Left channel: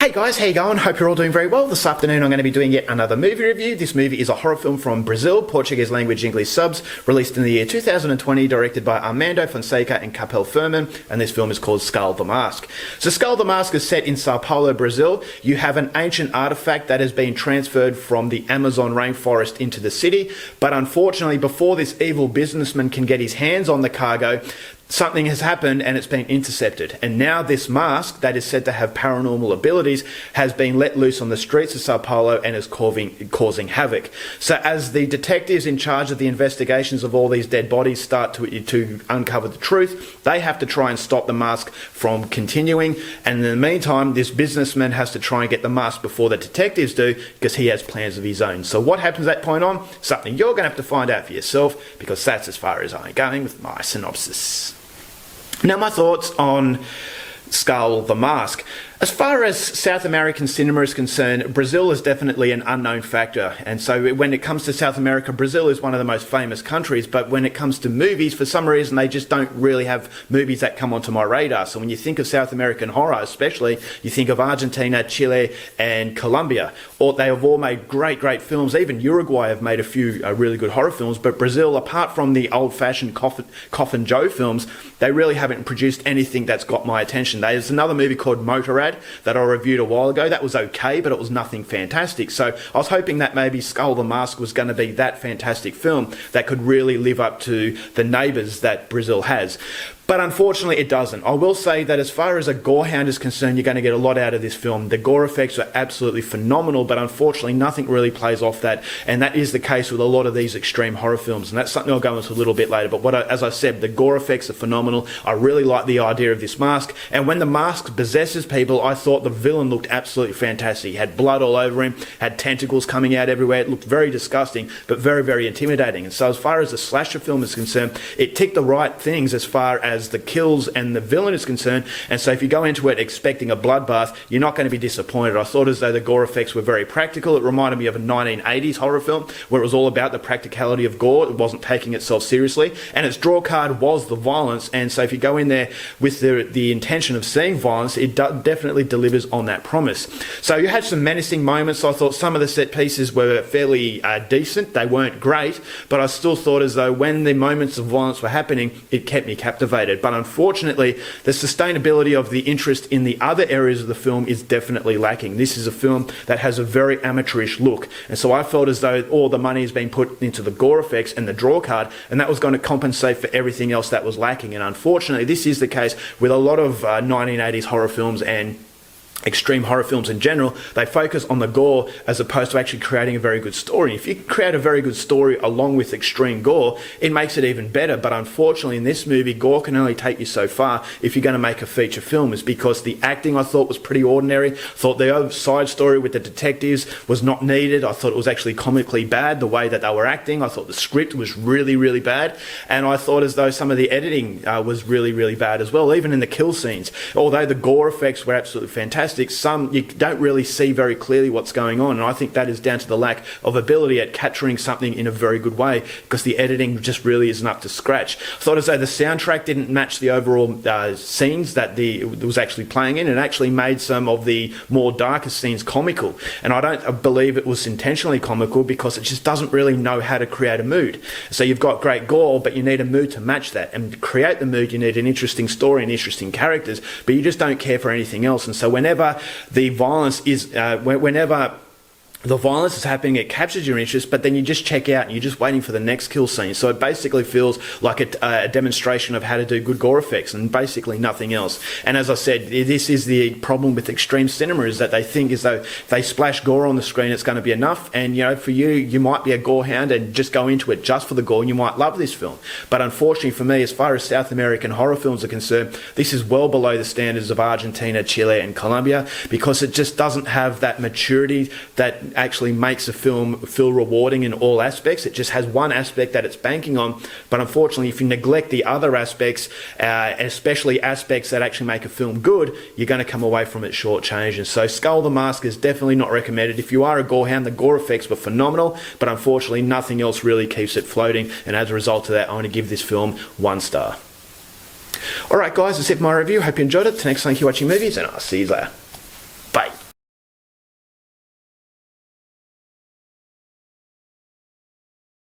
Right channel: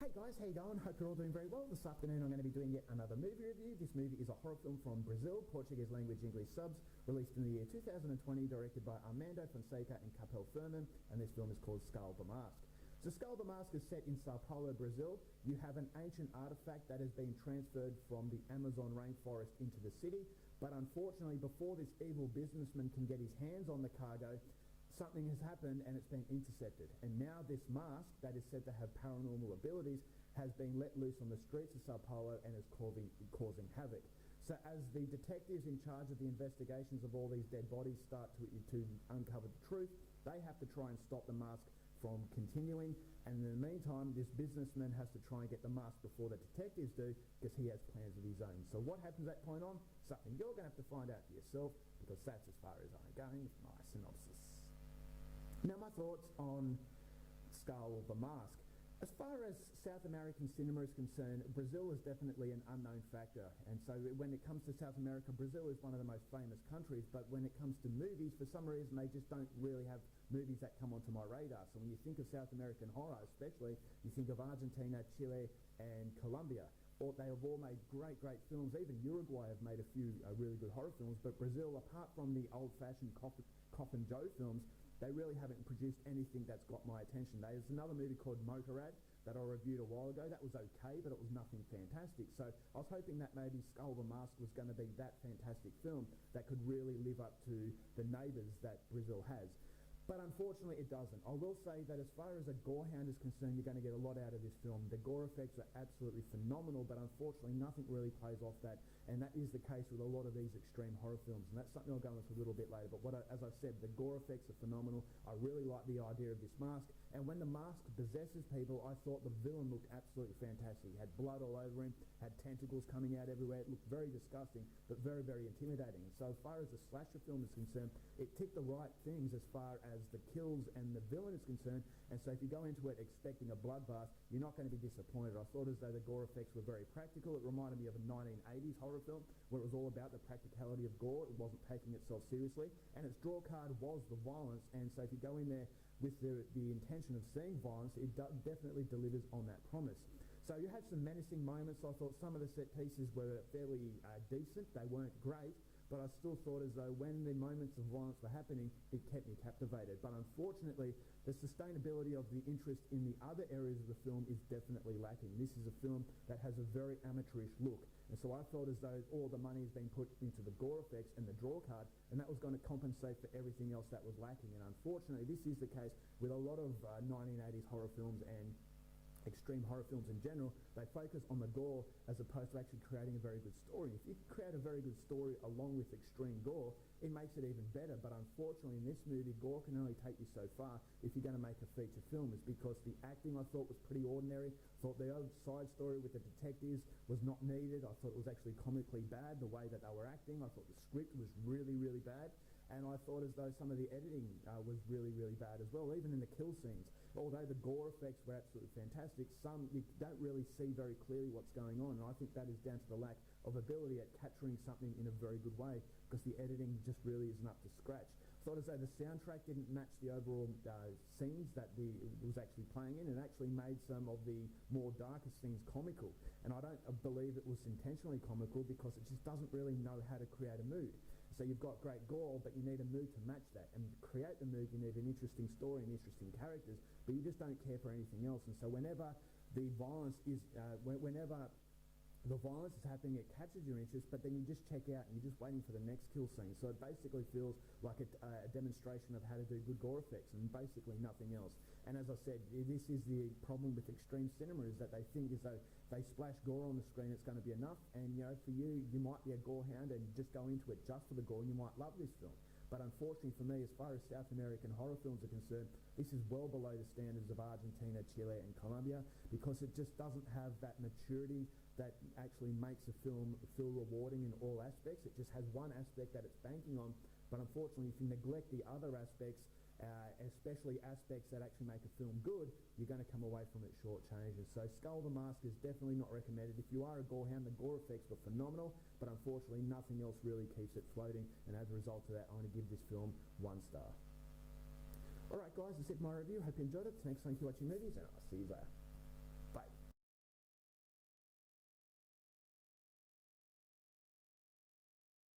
Hey guys, how you going? Hope you're all doing very well. This afternoon I'm going to be doing yet another movie review. This movie is a horror film from Brazil, Portuguese language English subs, released in the year 2020, directed by Armando Fonseca and Capel Furman, and this film is called Skull the Mask. So Skull the Mask is set in Sao Paulo, Brazil. You have an ancient artefact that has been transferred from the Amazon rainforest into the city, but unfortunately before this evil businessman can get his hands on the cargo, something has happened and it's been intercepted. And now this mask that is said to have paranormal abilities has been let loose on the streets of Sao Paulo and is causing havoc. So as the detectives in charge of the investigations of all these dead bodies start to uncover the truth, they have to try and stop the mask from continuing. And in the meantime, this businessman has to try and get the mask before the detectives do, because he has plans of his own. So what happens at that point on? Something you're going to have to find out for yourself, because that's as far as I'm going with my synopsis. Now, my thoughts on Skull the Mask. As far as South American cinema is concerned, Brazil is definitely an unknown factor. And so when it comes to South America, Brazil is one of the most famous countries. But when it comes to movies, for some reason, they just don't really have movies that come onto my radar. So when you think of South American horror, especially, you think of Argentina, Chile, and Colombia. Or they have all made great films. Even Uruguay have made a few really good horror films. But Brazil, apart from the old-fashioned Coffin Joe films, they really haven't produced anything that's got my attention. There's another movie called Motorrad that I reviewed a while ago. That was okay, but it was nothing fantastic. So I was hoping that maybe Skull the Mask was going to be that fantastic film that could really live up to the neighbours that Brazil has. But unfortunately, it doesn't. I will say that as far as a gorehound is concerned, you're going to get a lot out of this film. The gore effects are absolutely phenomenal, but unfortunately, nothing really plays off that. And that is the case with a lot of these extreme horror films. And that's something I'll go into a little bit later. But as I said, the gore effects are phenomenal. I really like the idea of this mask. And when the mask possesses people, I thought the villain looked absolutely fantastic. He had blood all over him, had tentacles coming out everywhere. It looked very disgusting, but very intimidating. And so as far as the slasher film is concerned, it ticked the right things as far as the kills and the villain is concerned, and so if you go into it expecting a bloodbath, you're not going to be disappointed. I thought as though the gore effects were very practical. It reminded me of a 1980s horror film where it was all about the practicality of gore. It wasn't taking itself seriously, and its draw card was the violence. And so if you go in there with the intention of seeing violence, it definitely delivers on that promise. So you had some menacing moments. I thought some of the set pieces were fairly decent. They weren't great, but I still thought as though when the moments of violence were happening, it kept me captivated. But unfortunately, the sustainability of the interest in the other areas of the film is definitely lacking. This is a film that has a very amateurish look. And so I felt as though all the money has been put into the gore effects and the draw card, and that was going to compensate for everything else that was lacking. And unfortunately, this is the case with a lot of 1980s horror films and extreme horror films in general. They focus on the gore as opposed to actually creating a very good story. If you create a very good story along with extreme gore, it makes it even better. But unfortunately in this movie, gore can only take you so far if you're going to make a feature film, is because the acting I thought was pretty ordinary. Thought the other side story with the detectives was not needed. I thought it was actually comically bad the way that they were acting. I thought the script was really bad, and I thought as though some of the editing was really bad as well, even in the kill scenes. Although the gore effects were absolutely fantastic, some you don't really see very clearly what's going on, and I think that is down to the lack of ability at capturing something in a very good way, because the editing just really isn't up to scratch. I thought as though the soundtrack didn't match the overall scenes that it was actually playing in, and actually made some of the more darker scenes comical, and I don't believe it was intentionally comical, because it just doesn't really know how to create a mood. So you've got great gore, but you need a mood to match that, and to create the mood you need an interesting story and interesting characters, but you just don't care for anything else. And so whenever the violence is the violence is happening, it captures your interest, but then you just check out and you're just waiting for the next kill scene. So it basically feels like a demonstration of how to do good gore effects and basically nothing else. And as I said, this is the problem with extreme cinema, is that they think as though if they splash gore on the screen, it's going to be enough. And you know, for you might be a gore hound and just go into it just for the gore, and you might love this film. But unfortunately for me, as far as South American horror films are concerned, this is well below the standards of Argentina, Chile, and Colombia, because it just doesn't have that maturity that actually makes a film feel rewarding in all aspects. It just has one aspect that it's banking on, but unfortunately if you neglect the other aspects, especially aspects that actually make a film good, you're going to come away from it shortchanged. And so Skull the Mask is definitely not recommended. If you are a gorehound, the gore effects were phenomenal, but unfortunately nothing else really keeps it floating, and as a result of that, I want to give this film 1 star. Alright guys, that's it for my review. Hope you enjoyed it. Till next time, keep watching movies, and I'll see you later. Bye.